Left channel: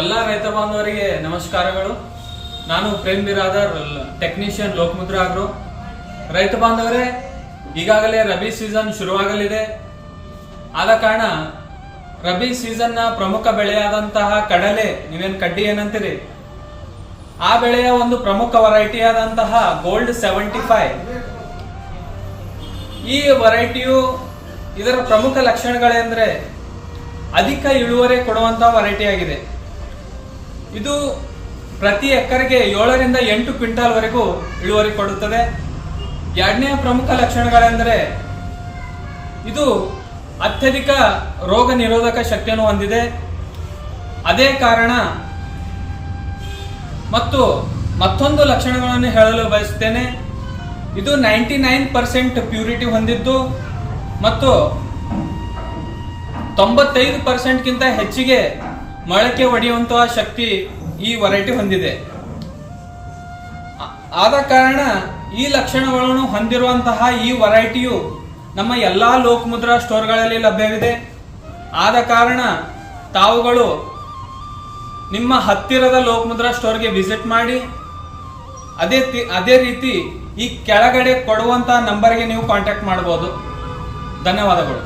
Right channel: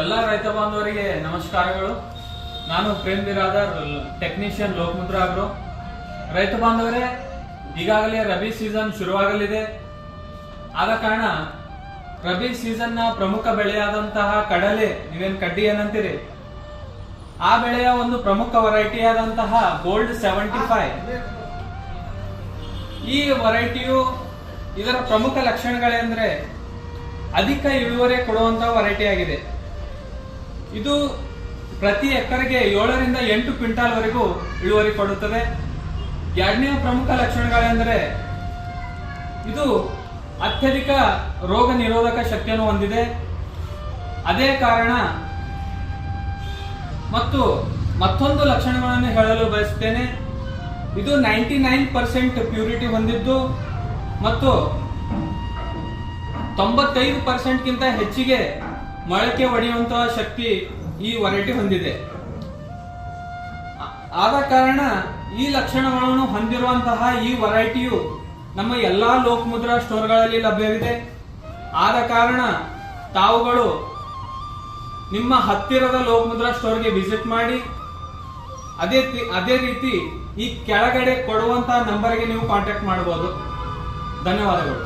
ಎಲ್ಲ ರೈತ ಬಾಂಧವರಿಗೆ ನಮಸ್ಕಾರಗಳು. ನಾನು ಪ್ರೇಮ್ ಬಿರಾದರ್, ಟೆಕ್ನಿಷಿಯನ್ ಲೋಕಮುದ್ರಾ ಆಗ್ರೋ. ರೈತ ಬಾಂಧವರೇ, ಈಗಾಗಲೇ ರಬಿ ಸೀಸನ್ ಶುರುವಾಗಲಿದೆ. ಆದ ಕಾರಣ ರಬಿ ಸೀಸನ್ನ ಪ್ರಮುಖ ಬೆಳೆಯಾದಂತಹ ಕಡಲೆ, ನೀವೇನು ಕಡ್ಡಿ ಏನಂತೀರಿ, ಆ ಬೆಳೆಯ ಒಂದು ಪ್ರಮುಖ ವೆರೈಟಿ ಆದಂತಹ ಗೋಲ್ಡ್ 75. ಈ ವೆರೈಟಿಯು ಇದರ ಪ್ರಮುಖ ಲಕ್ಷಣಗಳೆಂದರೆ ಅಧಿಕ ಇಳುವರಿ ಕೊಡುವಂತಹ ವೆರೈಟಿ ಆಗಿದೆ. ಇದು ಪ್ರತಿ ಎಕರೆಗೆ 7 ರಿಂದ 8 ಕ್ವಿಂಟಾಲ್ ವರೆಗೂ ಇಳುವರಿ ಕೊಡುತ್ತದೆ. ಎರಡನೆಯ ಪ್ರಮುಖ ಲಕ್ಷಣಗಳೆಂದರೆ ಇದು ಅತ್ಯಧಿಕ ರೋಗ ನಿರೋಧಕ ಶಕ್ತಿಯನ್ನು ಹೊಂದಿದೆ. ಅದೇ ಕಾರಣ ಮತ್ತು ಮತ್ತೊಂದು ಲಕ್ಷಣಗಳನ್ನು ಹೇಳಲು ಬಯಸುತ್ತೇನೆ. ಇದು 99% ಪ್ಯೂರಿಟಿ ಹೊಂದಿದ್ದು ಮತ್ತು 95%ಗಿಂತ ಹೆಚ್ಚಿಗೆ ಮೊಳಕೆ ಒಡೆಯುವಂತಹ ಶಕ್ತಿ ಈ ವೆರೈಟಿ ಹೊಂದಿದೆ. ಆದ ಕಾರಣ ಈ ಲಕ್ಷಣಗಳನ್ನು ಹೊಂದಿರುವಂತಹ ಈ ವೆರೈಟಿಯು ನಮ್ಮ ಎಲ್ಲಾ ಲೋಕಮುದ್ರಾ ಸ್ಟೋರ್ಗಳಲ್ಲಿ ಲಭ್ಯವಿದೆ. ಆದ ಕಾರಣ ತಾವುಗಳು ನಿಮ್ಮ ಹತ್ತಿರದ ಲೋಕಮುದ್ರಾ ಸ್ಟೋರ್ಗೆ ವಿಸಿಟ್ ಮಾಡಿ ಅದೇ ರೀತಿ ಈ ಕೆಳಗಡೆ ಕೊಡುವಂತಹ ನಂಬರ್ಗೆ ನೀವು ಕಾಂಟ್ಯಾಕ್ಟ್ ಮಾಡಬಹುದು. ಧನ್ಯವಾದಗಳು.